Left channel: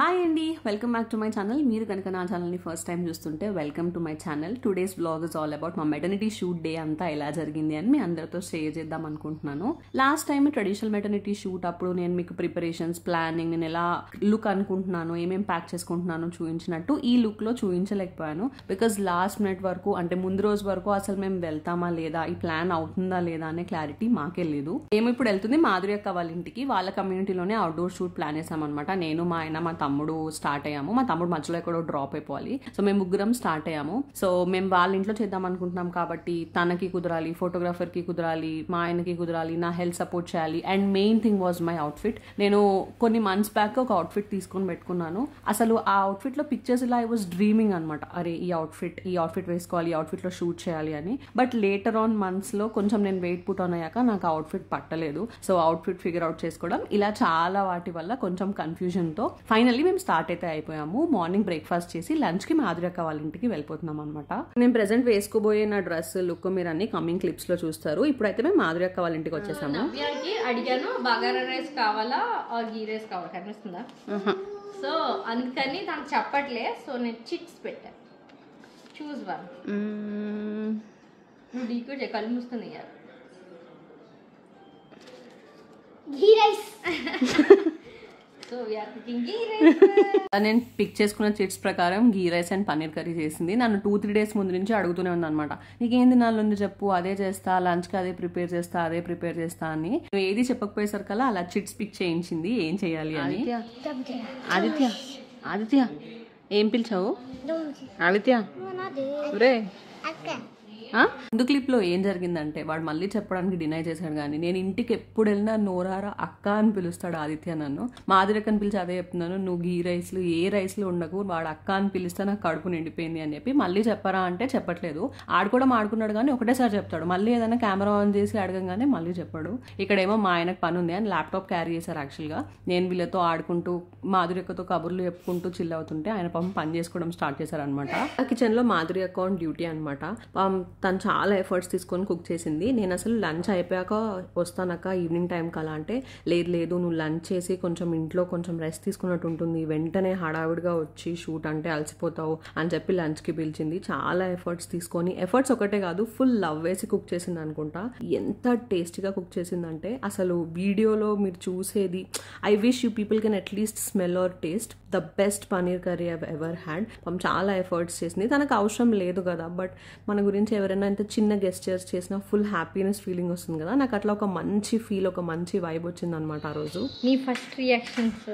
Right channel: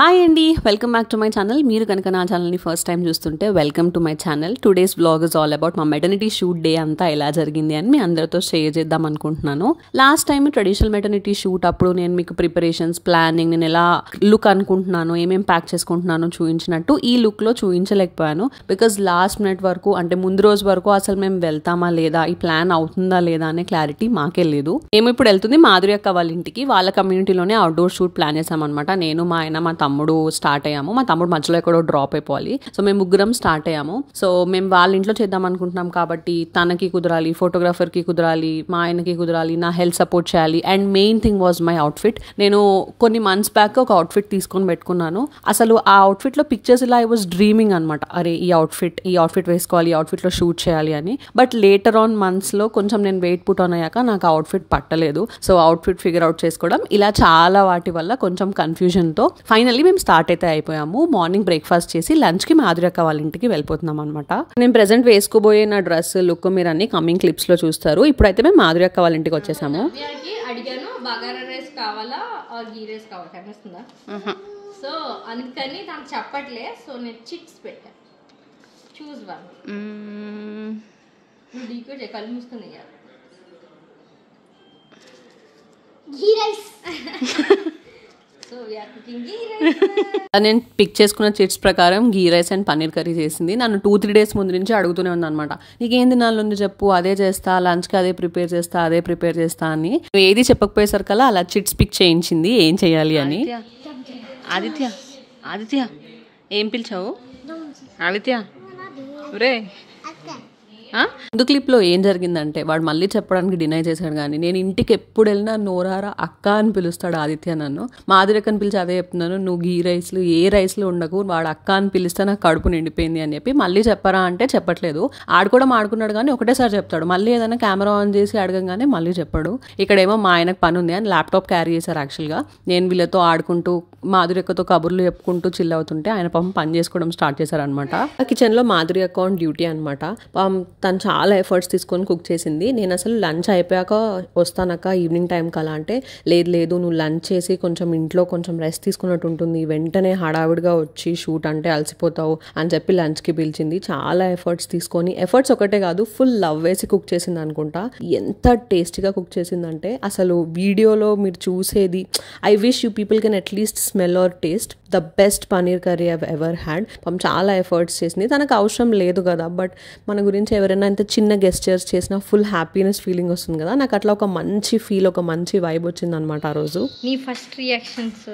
Hi అండి, welcome back to my channel. మీరు కనుక నా ఛానల్ని ఫస్ట్ టైం చూస్తుంటే welcome to my channel. Today's blog is all about మా మెటర్నిటీ షూట్ డే అంతా ఎలా జరిగింది అని మీ అందరితో షేర్ చేద్దాం అనుకుంటున్నాను. Last time traditional maternity shoot అప్పుడు నేను మీకు ప్రిపరేషన్స్, ప్లానింగ్, నేను ఎలా లుక్ అనుకుంటున్నాను, ఏమేమి ప్యాక్ చేసుకుంటున్నాను చూపించినట్టు ఈ లుక్లో చూపించలేకపోయాను. బికాజ్ లాస్ట్ మినిట్ వరకు, అంటే ముందు రోజు వరకు అసలు మేము వెళ్తామా లేదా, ఈ ప్లాన్ అవుతుందా లేదా అనే క్లారిటీ మాకే లేదు. మేము ఇప్పుడు వెళ్తుంది మాధురి అక్క వాళ్ళ ఇంటికి. వాళ్ళ కమ్యూనిటీలోనే అవుట్డోర్ షూట్ ప్లాన్ చేసామన్నమాట. నేను, మా ఆయన, మా తమ్ముడు స్టార్ట్ అయ్యాము. మా తమ్ముడు మధ్యలో ఎక్కడో డ్రాప్ అయిపోవాలి. సో మేము ముగ్గురం స్టార్ట్ అయ్యాము. సో మేము వాళ్ళ ఇంట్లో చేద్దాం అనుకుంటున్నాం కాబట్టి తనకి కుదరాలి, ఫోటోగ్రాఫర్కి కుదరాలి, మా ఆయనకి కుదరాలి, నా హెల్త్ సపోర్ట్ చేయాలి. And main thing was my outfit. నేను కొన్ని మంత్స్ బ్యాక్ ఒక అవుట్ఫిట్ తీసుకొని పెట్టుకున్నాను. అసలు ఆ అవుట్ఫిట్లో పిక్చర్స్ ఇలా ఐ వాజ్ డ్రీమింగ్ అనమాట. అరే ఈ అవుట్ఫిట్ వేసుకోవాలి, ఈ అవుట్ఫిట్లో షూట్ చేయాలి అని. బట్ లేటర్ ఆన్ మంత్స్లో కొంచెం నేను వెయిట్ పుట్ ఆన్ అయ్యాక నాకు అవుట్ఫిట్ పట్టలేదు. సో అవుట్ఫిట్ ఫిగర్ అవుట్ చేసుకోవడం ఇలా చాలా వాటి వల్ల కొంచెం కన్ఫ్యూజన్తో ఫైనల్లీ మేము స్టార్ట్ అయితే అయిపోయాము. మార్నింగ్ బ్రేక్ఫాస్ట్ చేసి లంచ్కి మాధురి అక్క వాళ్ళ ఇంటికి వెళ్ళిపోతున్నాం అనమాట. నేను ప్రెసెంట్ వేసుకోబోయే నా డ్రెస్ లుక్ మీరు అన్ని కమింగ్ క్లిప్స్ లో చూస్తారు. ఇప్పుడైతే మేము మాధురి అక్క వాళ్ళ ఇంటికి వచ్చేసాము. అడిగాను బగారా రైస్ కావాలా గీ రైస్ కావాలా, కనిపిస్తుందా? సో అందుకని తనకు చెప్పట్లే. సో నేను చిట్స్ పెట్టా, చూస్ వన్. నువ్వు డీకోడ్ కళ్ళు మూసుకుంది ఘీ రైస్. నేను పిక్ చేసుకున్న చిట్స్ ప్రకారం గీ రైస్ అండ్ పన్నీర్ కర్రీ చేసింది. నన్ను 2-3 డేస్ ముందు నుంచి అడుగుతూనే ఉంది అనమాట. నీకేం తినాలి ఉంది చెప్పు, అదే చేస్తా, లంచ్కి అదే ప్రిపేర్ చేస్తా అని. నువ్వు ఏది చెప్పకపోయేసరికల్లా అలా చిట్స్ పిక్ చేయించింది ఏం చేయాలి అని. ఆదిత్య ఏం పిలిచావు? ఆదిత్య రే. ముందు క్లిప్లో ఏం జరిగిందంటే వాడు మళ్ళీ చెప్పడానికి డినై చేశాడు. కానీ నేను ఇంటికి ఎప్పుడు వెళ్ళినా నోరారా అక్క అని పిలుస్తాడు ఆదిత్య నన్ను. మాధురికని పిలిచి అదే చెప్తున్నాను, నువ్వు గీ రైస్లు ఏ రైస్లు ఉండకు, వాడు అక్క అని పిలిస్తే నాకు కడుపు నిండిపోయింది అని చెప్పి. మళ్ళీ చెప్పరా అంటే చెప్పట్లేదు. ఆడుకోవడం ఆడుకున్నాడు కానీ ఒకటేసారి చెప్తాడు. మళ్ళీ ఏదైనా కెమెరా ఆన్ చేసి అడగంగానే మళ్ళీ చెప్పాడు. ఇక్కడేమో మా ఆయనకు పని ఉంది అని ల్యాప్టాప్ క్యారీ చేశారు. యాక్చువల్గా నేను వీళ్ళతో ఆడుకుంటూ మాధురి అక్కతో కబుర్లు చెప్పుకుంటూ చిల్ అవుతుంటే ఆయన పాపం పని చేసుకోవడం స్టార్ట్ చేశారనమాట. ఆ కిచెన్లో మాధురి అక్క ఆన్ డ్యూటీ అనమాట. తను చాలా ఎఫర్ట్స్ తీసుకొని కుక్ చేసింది. నేను అసలు లంచ్ అయిపోయాక వస్తానక్క ఈవినింగ్ టైంకి అలా అంటే, లేదు నువ్వు లంచ్ చేసి కొంచెం ఇంట్లో కొంచెం రెస్ట్ తీసుకున్నట్టు ఉంటుంది, వెంటనే హడావిడిగా వచ్చి షూట్ అంటే అలసిపోతావు అని చెప్పి లంచ్కి పిలిచింది. చాలా ఎఫర్ట్స్ తీసుకొని, ఎఫర్ట్స్ ఒకటే కాదు ఫుల్ లవ్ వేసి కుక్ చేసింది అనుకుంటా. ఎంత టేస్టీగా కుక్ చేసిందంటే అసలు వీడియోలో మీరు చూసేది, I wish you people can at least smell or taste the best paneer curry I've ever had. చాలా ఎఫర్ట్స్ చేసింది. తనకు అవసరం లేదు కదా, బట్ మన గురించి ఎవరైనా ఇంత చిన్న గెస్చర్స్ చేసినా ఫుల్ హ్యాపీనెస్ ఫీలింగ్ వస్తుంది కదా. నాకు అట్లా ఒక మంచి ఫీల్, ఒక మంచి వైబ్ వచ్చింది అనమాట ఆ రోజు. నీ ఫస్ట్ రియాక్షన్స్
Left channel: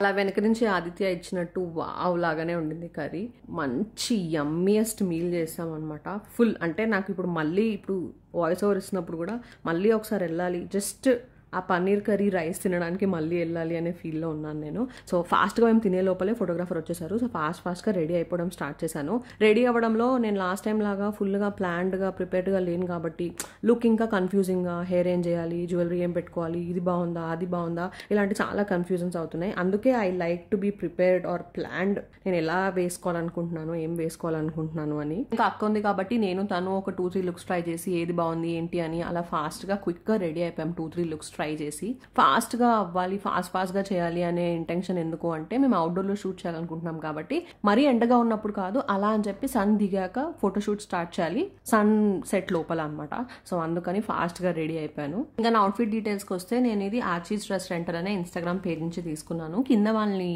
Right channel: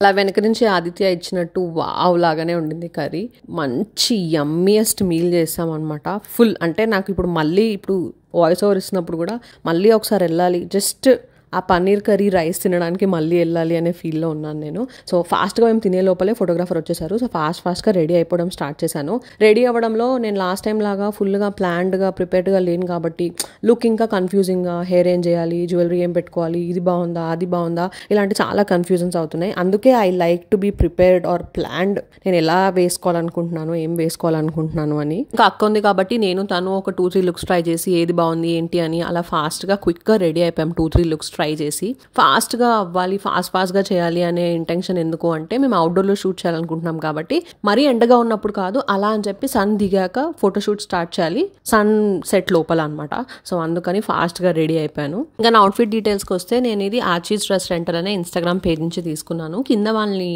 అలా వెనక నుంచి ఆదిత్య ఇచ్చినట్టు వావ్ లాగానే ఉండింది కర్రీ. మంచి యమ్మియెస్ట్ మీల్ చేస్తాం అనమాట. ఫుల్ అంటే నాకు ఇప్పుడు వాయిస్ ఓవర్ ఇస్తున్నప్పుడు కూడా మళ్ళీ ఒకసారి వెళ్ళాలి, జస్ట్ ఆ పన్నీర్ కర్రీ రైస్ తినడానికి మళ్ళీ వెళ్ళాలి అనే ఫీల్లో ఉన్నాను నేను. సో ఫాస్ట్గా మేము తినే లోపలే ఫోటోగ్రాఫర్ వచ్చేసారు. సో ఫాస్ట్గా రెడీ అయిపోవడం స్టార్ట్ చేశాను. రెడీ అవ్వడంలో నేను లాస్ట్ టైం లాగా ఫుల్గా ప్లాన్డ్గా ప్రిపేర్డ్గా లేను కాబట్టి లుక్ ఇంకా కన్ఫ్యూజింగ్గా, హెయిర్ ఏం చేయాలి, జ్యువెలరీ ఏం పెట్టుకోవాలి, ఇది బాగుందా అది బాగుందా, ఇలాంటి చాలా కన్ఫ్యూజన్స్ అవుతున్నాయి. అందుకే I like to be prepared or planned. నేను ఎలా వేసుకోవాలనుకుంటున్నాను, ఏం వేసుకోవాలనుకుంటున్నాను అని. ఇంకా అక్క ఉంది కాబట్టి నేను తను ఒక 2-3 లుక్స్ ట్రై చేసి ఏది బాగుంది ఏంటి అని అలా ఫాస్ట్గా క్విక్గా రెడీ అయిపోయాం. 2-3 లుక్స్ ట్రై చేసి ఫాస్ట్గా అవ్వాలి, ఫాస్ట్గా చేయాలి అనే ఇంటెన్షన్ ఎందుకు అంటే, మేము అవుట్డోర్లో షూట్ చేయాలనుకుంటున్నాం కాబట్టి మరీ ఎండగా ఉన్నప్పుడు కాదు, అలా అని చెప్పి సన్ దిగాక ఫోటోషూట్ స్టార్ట్ చేయాలి, సన్ సెట్ లోపల అనమాట. సో అందుకని ఫాస్ట్గా రెడీ అయిపోయాను. ఇంకా నా అవుట్ఫిట్ డీటెయిల్స్కి వస్తే, నేను ఇది ఆచీస్ డ్రెస్ రెంటల్ అనే ఇన్స్టాగ్రామ్ పేజ్ నుంచి తీసుకున్నాను. కింద వాళ్ళని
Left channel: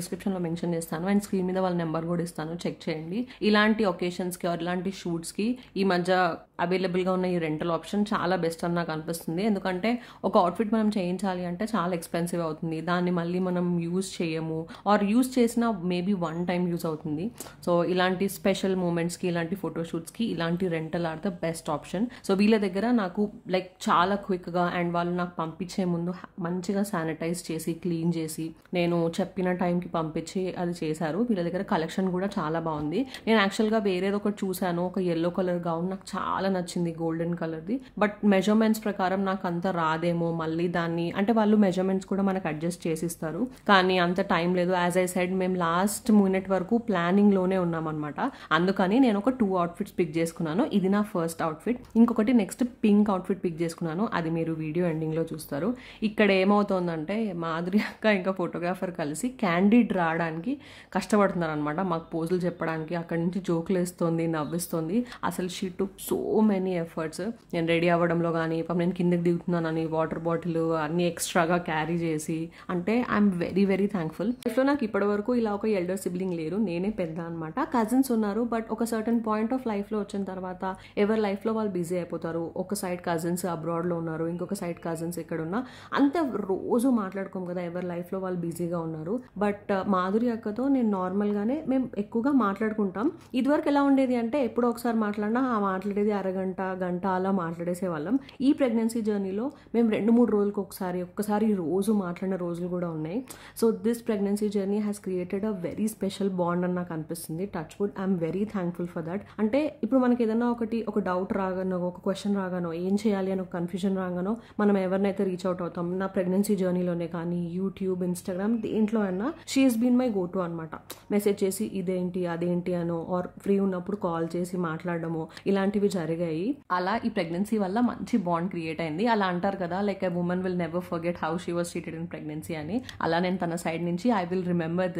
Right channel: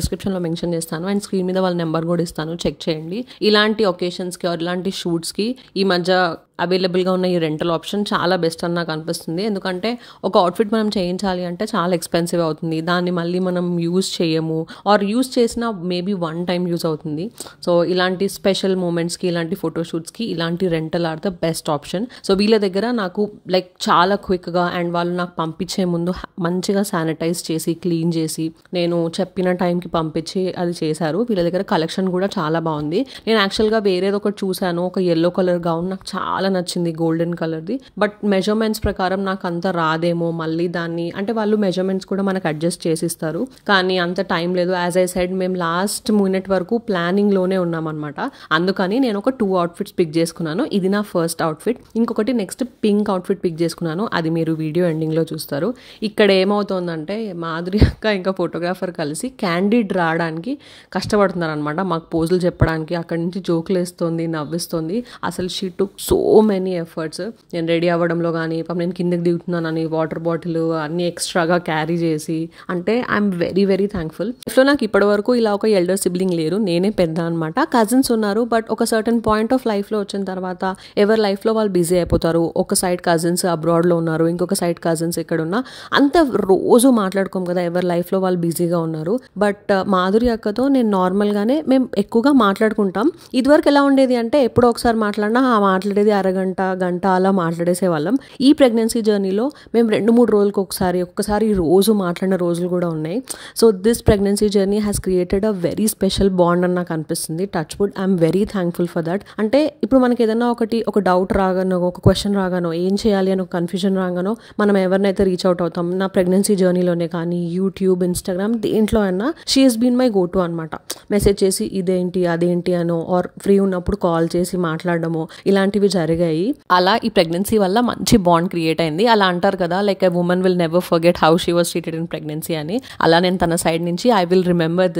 డిస్క్రిప్షన్లో మెన్షన్ చేస్తాను అండ్ స్క్రీన్ మీద వాళ్ళ నెంబర్ కూడా ఇస్తాను, చెక్ చేయండి. ఇలాంటి ఒకేషన్స్కి ఇలాంటి షూట్స్కి ఈ మధ్య అవైలబుల్గా ఉన్న ఈ రెంటల్ ఆప్షన్ చాలా బెస్ట్ అని నాకు అనిపిస్తుంది. ఎందుకంటే ఒక అవుట్ఫిట్ మనం చేయించాలి అంటే చాలా ఎక్స్పెన్సివ్ అవుతుంది. దాన్ని మళ్ళీ మనం యూజ్ చేయము, ఆర్ యూజ్ చేసినా మేబీ 1 టైం యూజ్ అవుతుంది. సో ఇలాంటి స్పెషల్ మూమెంట్స్కి, ఇలాంటి ఫోటోషూట్స్కి ఇలాంటి rental or the best option. So వీళ్ళ దగ్గర నాకు చాలా క్విక్గా అండ్ వాళ్ళు నాకు పంపించే ముందు మంచిగా శానిటైజ్ చేసి క్లీన్ చేసి నేను చెప్పిన టైంకి పంపించి అది చేశారు. వీళ్ళ దగ్గర కలెక్షన్ కూడా చాలా బాగుంది. నేను యాక్చువల్గా వేరేది ఒకటి చూశాను, ఒక yellow కలర్ గౌన్ నాకు చాలా చాలా నచ్చింది గోల్డెన్ కలర్ది. బట్ మెజర్మెంట్స్ ప్రకారం నాకు అంత రాదేమో, మళ్ళీ దాన్ని అంటే వాళ్ళు మెజర్మెంట్స్ కూడా మనకు అడ్జస్ట్ చేసిస్తారు, కానీ అంత టైం లేదు. యాజ్ ఐ సైడ్ మేము లాస్ట్ మినిట్ వరకు ప్లానింగ్లోనే ఉన్నామన్నమాట. అందుకని నేను ఒక 2 అవుట్ఫిట్స్ పిక్ చేసుకున్నాను. ఇది నా ఫస్ట్ అవుట్ఫిట్. ఇంకొకటి నెక్స్ట్ పింక్ అవుట్ఫిట్ పిక్ చేసుకున్నాను, అది మీరు వీడియో ఎండింగ్లో చూస్తారు. ఇక్కడ ఏమవుతుందంటే మాధురి అక్క ఇంకా ఫోటోగ్రాఫర్ కలిసి క్యాండిడ్ రావడానికి కష్టపడుతున్నారు అనమాట. మాకు పోజులు చెప్పడానికి, అక్కడి నుంచి జోకులు వేస్తుంది, నవ్విస్తుంది. అసలు she took so many efforts. నేను రెడీ అవ్వడంలో కానీ, నేను కిందకి దిగుతున్నానని వాటర్ బాటిల్ అన్ని ఎక్స్ట్రాగా క్యారీ చేసి, అంటే ఐఎమ్ వెరీ వెరీ థ్యాంక్ఫుల్. లైఫ్లో నాకు ఇప్పటి వరకు ఇలా ఒక ఎల్డర్ సిబ్లింగ్ లేరు, నేనే పెద్ద అనమాట. కజిన్స్ ఉన్నారు, బట్ ఒక సర్టన్ పాయింట్ ఆఫ్ లైఫ్లో వచ్చిన తర్వాత ఎవరి లైఫ్లో వాళ్ళు బిజీ అయిపోతారు. ఒక సైడ్ కజిన్స్ అబ్రాడ్లో ఉన్నారు, ఇంకొక సైడ్ కజిన్స్ ఇక్కడ ఉన్న, అంత రోజు మాట్లాడుకోం కదా, ఎవరి లైఫ్లో వాళ్ళు బిజీగా ఉన్నారు. బట్ మాధురి అక్కతో నేను నార్మల్గానే మేము ఎక్కువగా మాట్లాడుకుంటాం. ఇదివరకు ఎలా ఉండేది అంటే ఎప్పుడో ఒకసారి మాట్లాడినా ఆ మాట్లాడేది అరగంట గంట అలా మాట్లాడేసే వాళ్ళం. ఈ ప్రెగ్నెన్సీ జర్నీలో మేము 2-3 రోజులకు ఒక్కసారి రోజు మాట్లాడిన రోజులు కూడా ఉన్నాయి. So this pregnancy journey has created a very special bond అని నాకు అనిపిస్తుంది. Touch wood, I'm very thankful for that. అంటే ఇప్పుడు మనకి ఏదైనా ఒక డౌట్ రాగానో, ఒక క్వశ్చన్ రాగానో, ఏం చేయాలి అని ఒక కన్ఫ్యూజన్ రాగానో మనం ఎవరినైతే రీచ్ అవుట్ అవుతాం. నా ప్రెగ్నెన్సీ జర్నీలోనే కానీ యూట్యూబ్, ఇన్స్టాగ్రామ్, దేంట్లో అయినా she has been my go to అనమాట. మెసేజ్ చేసి ఇదేంటి అదేంటి అనో, ఆర్ ఫ్రీ ఉన్నప్పుడు కాల్ చేసి మాట్లాడడము, ఇలాంటివి జరిగాయి. అలా ఈ ప్రెగ్నెన్సీ వల్ల మంచి బాండ్ క్రియేట్ అయింది. అలా అంటారు కదా, like a women will never forget how she was treated in pregnancy అని. అలా నేను తన సైడ్ నుంచి I will remember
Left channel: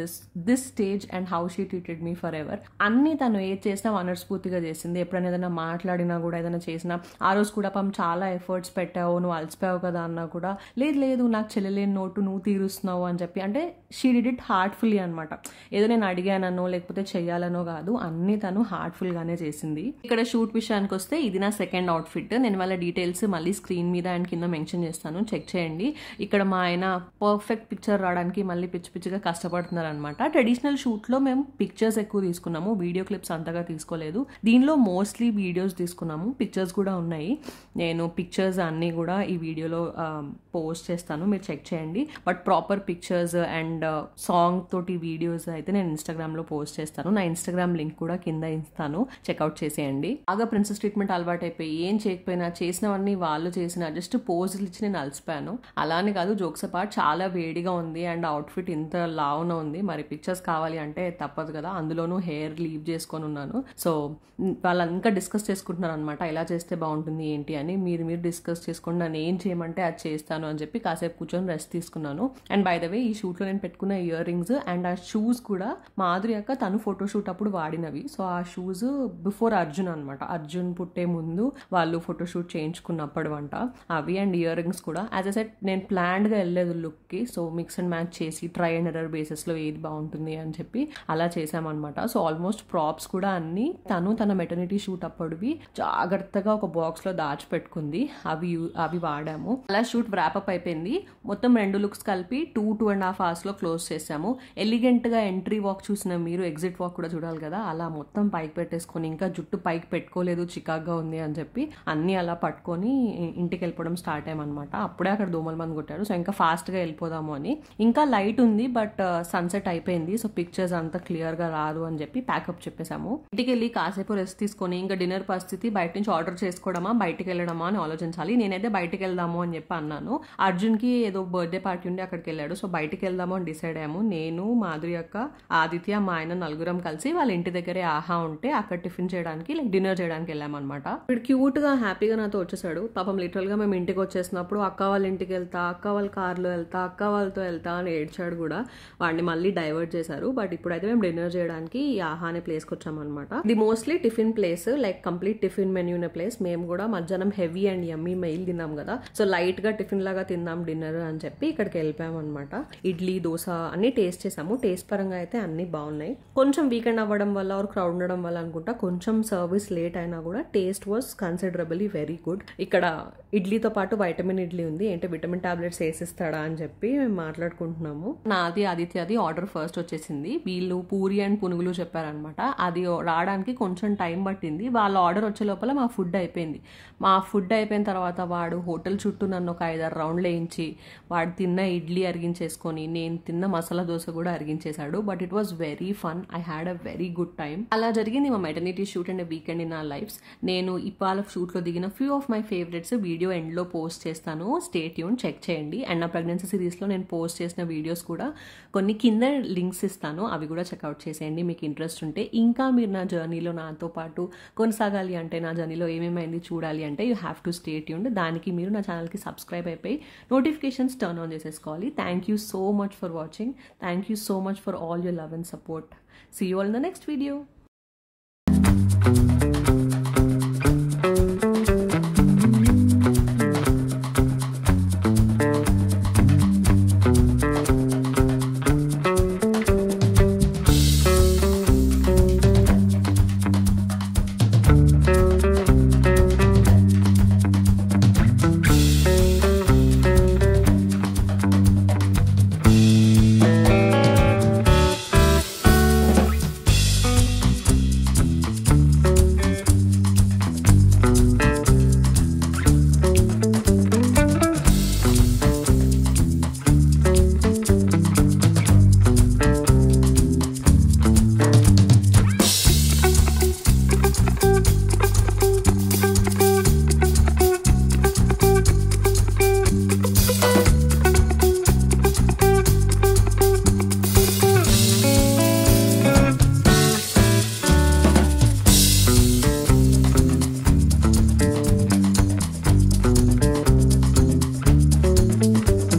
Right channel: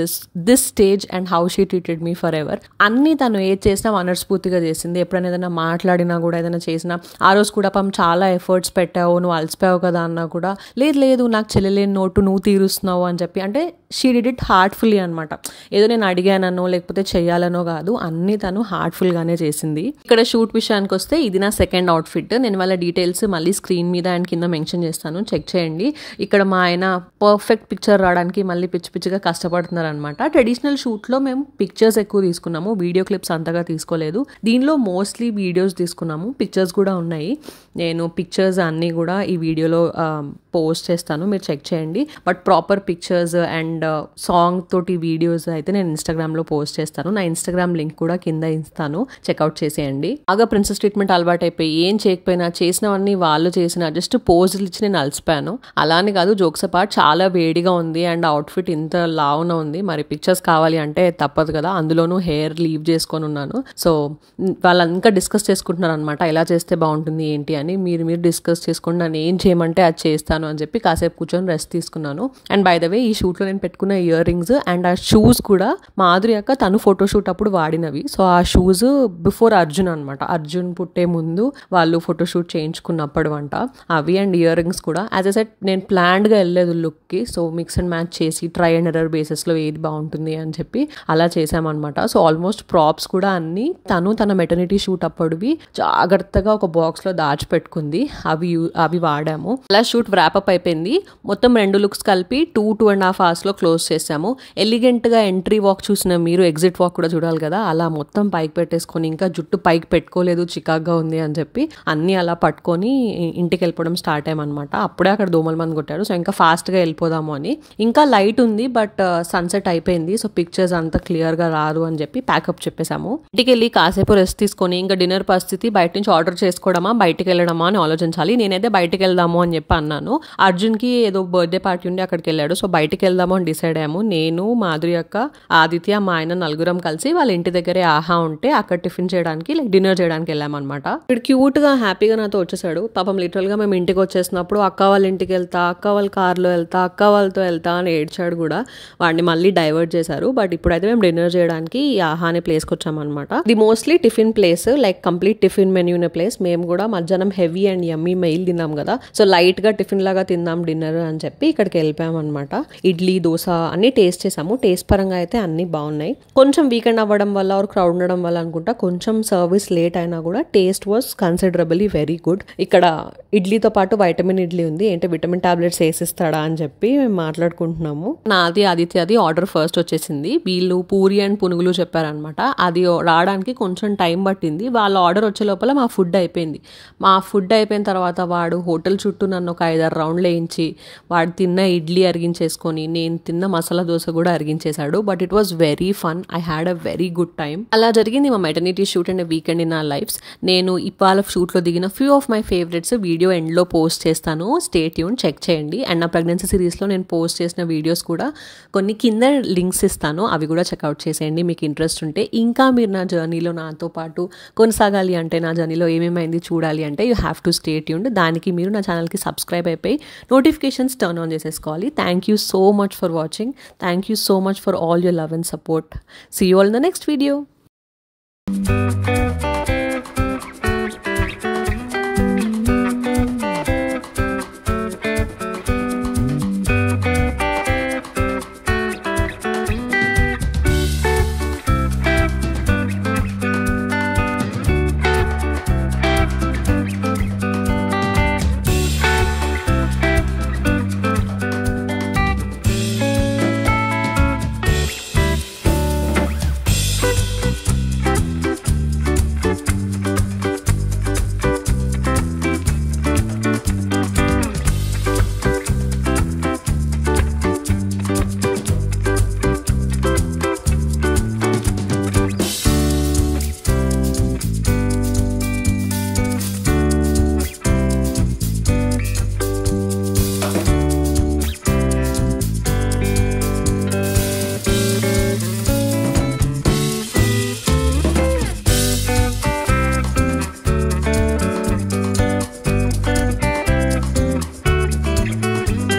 this stage and how she treated me for ever. అన్నీ తను ఏది చేసినా మనస్ఫూర్తిగా చేసింది. ఎప్పుడైనా ఏదైనా మాట్లాడినా కూడా, ఏదైనా చేసినా, ఆ రోజు కూడా చాలా ఎఫర్ట్స్ పెట్టావు, నువ్వు అలసిపోయావు కదా అన్నా కూడా, లేదు నాకు చెల్లెలేని నోటు నువ్వు తీరుస్తున్నావు అని చెప్పి, అంటే షీ డిడ్ ఇట్ హార్ట్ఫుల్లీ అనమాట. ఏదో నేను అడిగానో లేకపోతే చెయ్యాలనో కాదు, అన్నీ తను హార్ట్ఫుల్గానే చేసింది. ఇక్కడ షూట్ విషయానికి వస్తే ఇది నా సెకండ్ అవుట్ఫిట్. నేను వాళ్ళ డీటెయిల్స్ మళ్ళీ స్క్రీన్ మీద అండ్ కింద మెన్షన్ చేస్తాను, చెక్ చేయండి. ఇక్కడ మా ఆయన పర్ఫెక్ట్ పిక్చర్ రావడానికి మళ్ళీ పిచ్చిగా కష్టపడుతున్నారు అనమాట. ట్రెడిషనల్ షూట్లో మేము పిక్చర్స్ ఎక్కువ తీసుకున్నాము, వీడియో క్లిప్స్ అంతగా తీసుకోలేదు. దీనిలో మోస్ట్లీ వీడియోస్ తీసుకున్నాము, పిక్చర్స్ కూడా ఉన్నాయి. నేను పిక్చర్స్ అన్నీ కూడా ఈ వీడియోలో పోస్ట్ చేస్తాను, మీరు చెక్ చేయండి. But proper pictures and song తోటి వీడియోస్ అయితే నేను ఇన్స్టాగ్రామ్లో పోస్ట్ చేస్తాను. నా ఇన్స్టాగ్రామ్ లింక్ కూడా కింద ఇస్తాను, చెక్అవుట్ చేసేయండి. బాగా ప్రిన్సెస్ ట్రీట్మెంట్ అలవాటు అయిపోయి ఏం చేయకపోయినా, చేసినవన్నీ వాళ్ళు చేసిన జస్ట్ పోజులు ఇచ్చి నేను అలసిపోయాను. అలానే కాదు, జోక్స్ అపార్ట్ చాలా వేడిగా ఉంది అండ్ అవుట్ఫిట్ ఇంత లావున ఉంది. మరి పిక్చర్స్ కావాలి అంటే తప్పదు కదా, అందులోనూ హెయిర్ లీవ్ చేసుకొని ఉన్నాను. సో వాళ్ళు ఇంకా డిస్కస్ చేసుకుంటున్నారు అనమాట, ఎలా చేస్తే బాగుంటుంది ఏంటి అని. మీరు డిస్కస్ చేసుకోండి, నన్ను ఏం చేయమంటే అది చేస్తాను అని చెప్పి కాసేపు కూర్చొని రెస్ట్ తీసుకున్నాను. అండ్ బై ద వే, ఈ షూట్లో నేను పెట్టుకున్న ఇయర్ రింగ్స్ అండ్ ఆ షూస్ కూడా మాధురి అక్క తను ఫోటోషూట్ అప్పుడు వాడినవి. సో ఆ షూస్ బిఫోర్ అర్జున్ అనమాట, అర్జున్ పుట్టే ముందు వాళ్ళు ఫోటోషూట్ చేయించుకున్నప్పుడు అంట అవి. అండ్ ఇయర్ రింగ్స్ కూడా యాజ్ ఎ సెట్ నేను ప్లాన్డ్గా వెళ్ళలేదు లుక్కి. సో మిక్స్ అండ్ మ్యాచ్ చేసి ట్రై అండ్ ఎర్రర్ బేసిస్లో ఏది బాగుంటుంది అని చెప్పి అలా చేసామన్నమాట. సో ఆల్మోస్ట్ ప్రాప్స్ కూడా అన్ని తన మెటర్నిటీ షూట్ అప్పుడువి జాగ్రత్తగా ఒక బాక్స్లో దాచిపెట్టుకుంది, అవి వాడాము. అలా షూట్ వ్రాపప్ అయిపోయింది. మొత్తం 2 లుక్స్ కలిపి 2.5 hours క్లోజ్ చేసాము. ఎలిగెంట్గా ఎంట్రీ వాక్ చూసిన మీరు ఎగ్జిట్ వాక్ కూడా చూడాలి కదా, అలా మొత్తం పైకి పెట్టేసుకొని, ఇంకా జుట్టు పైకి పెట్టుకోలేదు చికాగ్గా ఉంది అని చెప్పి అన్నీ అలా పట్టుకొని ఇంటికి వెళ్ళిపోవడం స్టార్ట్ అయ్యామన్నమాట. అప్పుడే అక్కడ దోమల మంది కొట్టారు. సో ఇంకా ఫాస్ట్గా వెళ్ళిపోదాము అని. ఇంకా లైట్ ఉంది బట్ సన్సెట్ అయిపోయింది. సో పిక్చర్స్ అంత క్లియర్గా రాదు అని చెప్పి ప్యాకప్ చెప్పేసాము. ఇంటికి వెళ్ళి కాసేపు రెస్ట్ తీసుకొని ఇంకా డిన్నర్ పరిస్థితి, బయట నుంచి ఆర్డర్ చేసుకోవడమా బయటికి వెళ్ళడమా అని ఆలోచించాలి. నేనైతే బయటికి వెళ్దాము అని చెప్పి అన్నాను. అర్జున్కి ఏదో బర్త్డే పార్టీ ఉండి అక్కడికి వెళ్ళాడు. సో బయటికి వెళ్దాము అని డిసైడ్ అయ్యాము. నేను, మాధురి అక్క, ఆదిత్య, మా ఆయన నలుగురం కలిసి వాళ్ళ ఇంటి దగ్గరే ఆహా ఉంటే అక్కడ టిఫిన్ చేయడానికి డిన్నర్ చేయడానికి వెళ్ళామన్నమాట. ఇక్కడ క్యూట్గా హ్యాపీగా నాతో వచ్చేసాడు. పాపం లిటరల్గా మేము ఇంటికి వచ్చేసినప్పుడు అక్క వాళ్ళ ఇంటికి వెళ్తా, అక్క వాళ్ళ కార్లో వెళ్తా, అక్క వాళ్ళతో వెళ్తా అని ఏడ్చాడు కూడా. వాడిని మళ్ళీ డైవర్ట్ చేశారు. బట్ ఇప్పుడైతే మేము డిన్నర్ చేయడానికి ఈ ఆహా అనే ప్లేస్కి వచ్చామన్నమాట. ఇది mostly tiffin place, like complete tiffin menu ఉన్న ప్లేస్. మేము కూడా మధ్యాహ్నం హెవీ అండ్ యమ్మీ మెయిల్ తిన్నాం కదా, సో లైట్గా టిఫిన్ లాగా తిందాం డిన్నర్ అని చెప్పి ఇక్కడికి వెళ్ళిపోయామన్నమాట. ఇడ్లీ, దోశ అన్ని టేస్ట్ చేసాము. టేస్ట్ పరంగా అయితే అన్ని బాగున్నాయి. కొంచెం వీకెండ్ అవ్వడం వల్ల ఆర్ క్రౌడ్ ఉండడం వల్ల అనుకుంటా కొంచెం సర్వీస్ లేట్ అయినా కూడా taste was considerably very good. ఇక్కడ ఇడ్లీతో పాటు వైటమిన్ ఇడ్లీ ఉంది, ఏంటంటే విటమిన్ టాబ్లెట్స్ వేసిస్తాడా అని చెప్పి మేము మాట్లాడుకుంటున్నాము. నాది ఆదిత్యది ఆర్డర్ ఫస్ట్ వచ్చేసింది. వీళ్ళు పూరి అండ్ పునుగులు చెప్పారనమాట. అది రావడానికి కొంచెం టైం పట్టింది. వాళ్ళ ఆర్డర్ వచ్చే లోపల మా ఫుడ్ అయిపోయింది. మా ఫుడ్ అయిపోయిన తర్వాత వాడు హోటల్ చుట్టూ నన్ను ఒక 5-6 రౌండ్లు వేయించి వాడు తిన్న ఇడ్లీ అరిగించేసుకొని నేను తిన్న మసాలా దోశ కూడా అరిగించేశాడు. But it was very fun. I had a very good time. అలా జరిగింది మా maternity shoot and weekend in our lives. నేను ఇవాళ షూట్లో దిగిన few of my favourites video ఎండ్లో పోస్ట్ చేస్తాను. స్టే ట్యూన్, చెక్ చేయండి. అండ్ నా ప్రెగ్నెన్సీ సిరీస్లో నేను పోస్ట్ చేసిన వీడియోస్ కూడా కొన్ని కింద లింక్స్ ఇస్తాను, అవి కూడా చెక్అవుట్ చేసేయండి మీకు ఇంట్రెస్ట్ ఉంటే. ఇంకా మీరు నా జర్నీలో నాతో పాటు కొనసాగాలి అంటే, నా జర్నీలో ఏమేమైంది చూడాలి అంటే you have to stay tuned. దానికి మీరు నా ఛానల్కి సబ్స్క్రైబ్ అయిపోయి నోటిఫికేషన్స్ టర్న్ ఆన్ చేసేసుకోవాలి. Thank you so much for watching. Thank you so much for all your love and support. See you all in the next video.